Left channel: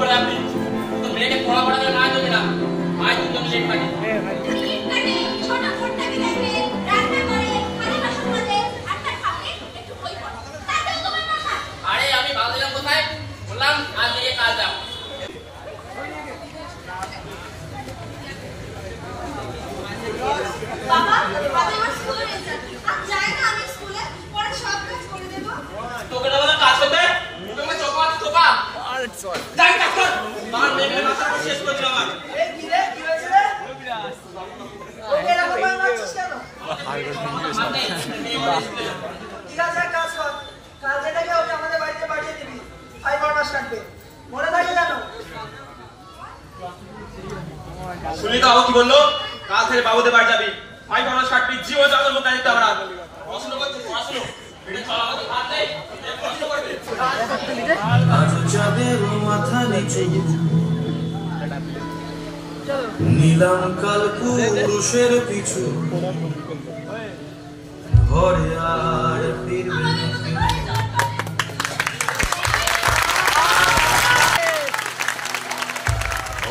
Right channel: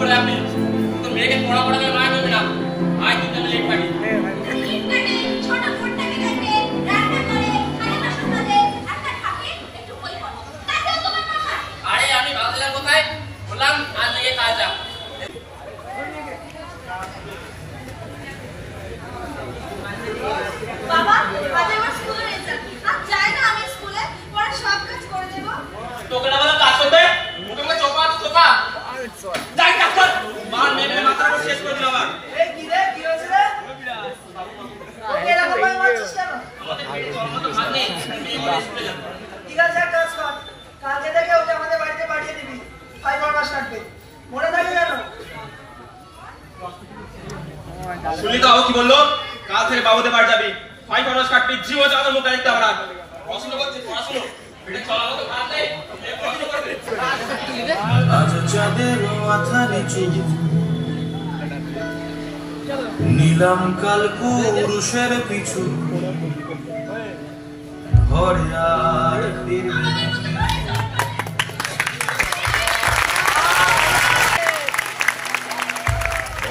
করে আপনি তো মেয়েকে পড়া পড়াতে মায় দেবে না আয় তুমি লেট পারি ছোট ফোনটাকে রাখবে রান্না করে খালি বাসন মাজে একটা খাবে একটু বই পড়ে তাতেও তোমার মাথা আরে আমি ভালো দিলাম কোথায় বললাম আজ থেকে কাজ যা বাবা আজ আমার স্কুলে রেজাল্ট আজ যাই না আমি স্কুলে পরে সব কাজ করে দেব তোকে না বলা কাজ করতে মুখে চোপা আরে চল যাই কাজ কর মার মেরে মাথা শেষ করে দিও আমার এই কি রে কি হয়েছে রে ওকে এরকম মারছিস কেন ঠিক আছে এক কাজ কর কালকে থেকে ওকে আমাদের বাড়িতে পাঠিয়ে দিবি 5 মাস কাটবে মনে থাকে যেন শুনলি তো কি বললো কাল থেকে বাবুদের বাড়ি যাবি 5 মাস কাটবি জীব চাঁদের মুখ দেখতে আমরা পড়াশোনা করতে পড়াশোনা এটা চলানো তো ভাত নেই পড়াশোনা করবে আজ চাঁদের মাথা নিচু নিলাম কাল পুরুষের পিছু ঘরে আর ফিরবে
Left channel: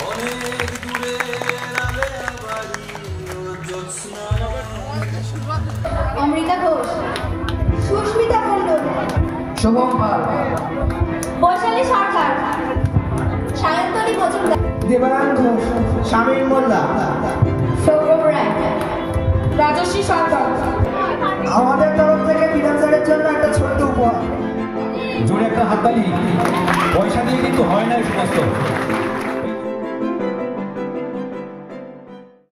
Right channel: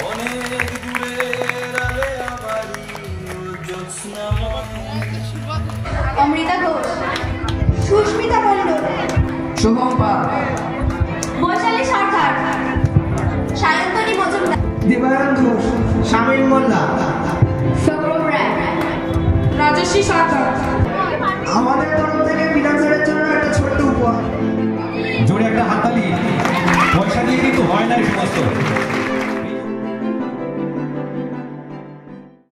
অনেক দূরে আলে বাড়ি জ্যোৎস্না অমৃতা ঘোষ সুস্মিতা মণ্ডল শুভম পাল বৈশালী সরকার সায়ন্তনী মজুমদার দেবায়ন ঘোষ শামীম মোল্লা সৌরভ রায় রাজশ্রী সরকার আমাদের তরফ থেকে ফিনান্সারের জন্য একটা ছোট্ট উপহার জোরে একটা হাততালি পয়সা দিয়ে কিন্তু হয় না এই সমস্ত